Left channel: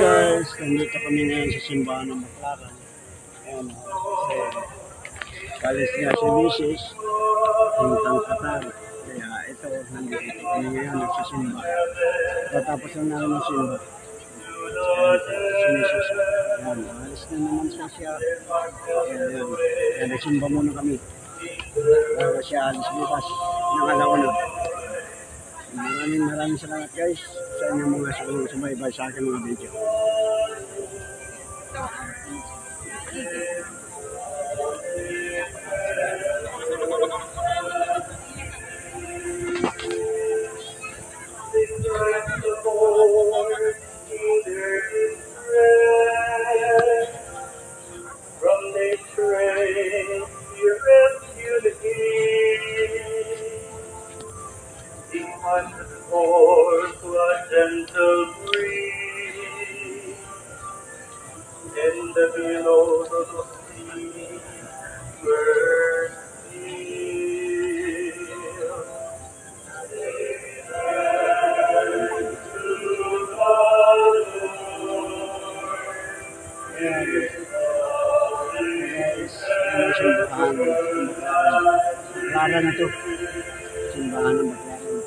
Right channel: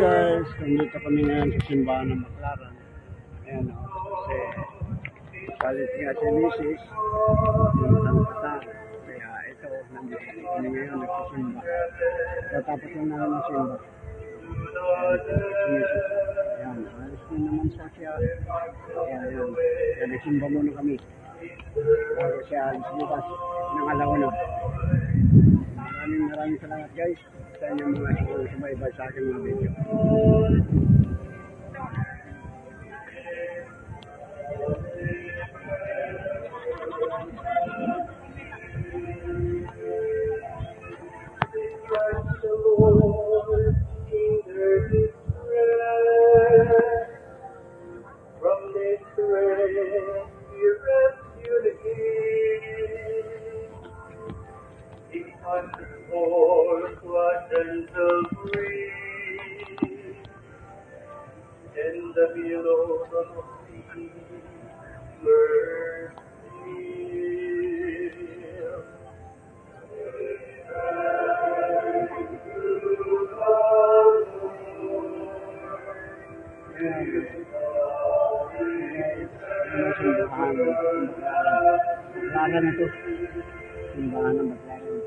Guys, nandito kami ngayon sa simbahan ng Baclaran. Ayan o, kasi palis niya si Mrs. Puntang Qatar. Kaya ito, nandito kami ngayon nagsisimba. Tatapos lang namin ng simba. Ayan, si Mrs. Ayan, alis na naman siya. Ayan. Ayan, nagsimba muna kami. Bago siya alis bukas ng alauna. Maraming salamat guys sa inyong mga sumaybay sa aking mga video. From the train, you rescue the He passes forth a gentle breeze in the billows of the sea. Mercy. Simbahan ng Baclaran na to. Simbahan ng Baclaran.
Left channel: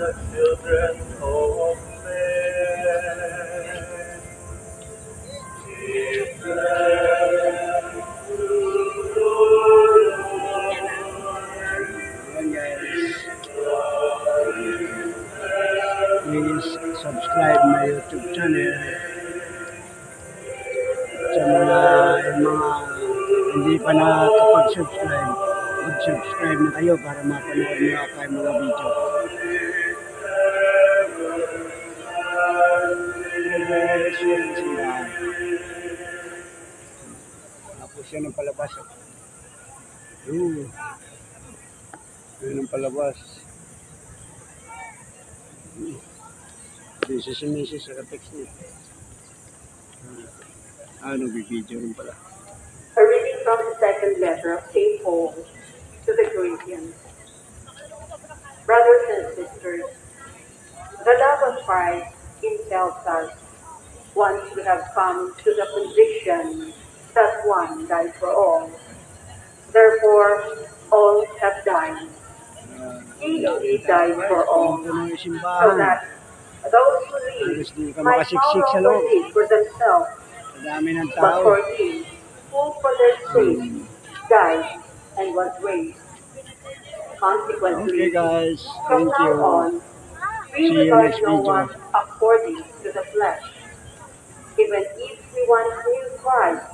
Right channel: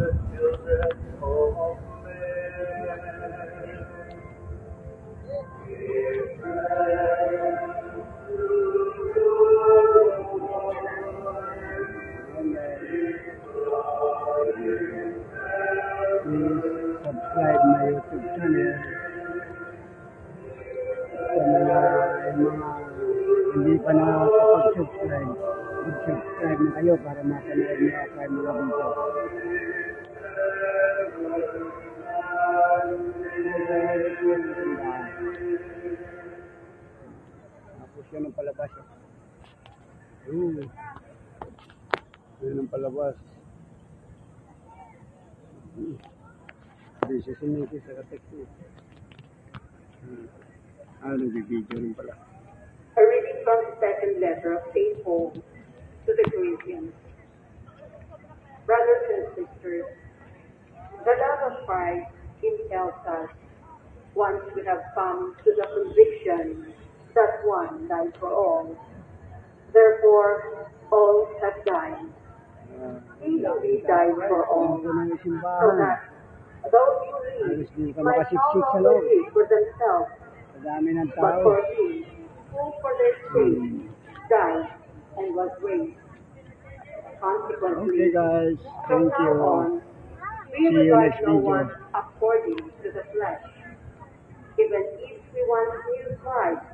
The children of men. Give them to the Lord. Please subscribe my YouTube channel. Sa mga hindi pa nakapag-subscribe, mag-subscribe na kayo para mapanood niyo ako yung mga video. Tapos yan ang palabas. Yan ang palabas. Busy si Mrs. sa text niya. Nagbibideo rin pala. A reading from the second letter of St. Paul to the Corinthians. Brothers and sisters, the love of Christ impels us once we have come to the conviction that one died for all. Therefore, all have died. He indeed died for all, so that those who live might no longer live for themselves, but for Him who for their sake died and was raised. Consequently, okay guys, from thank you. now on, we See you regard next no video. one according to the flesh. Even if we once knew Christ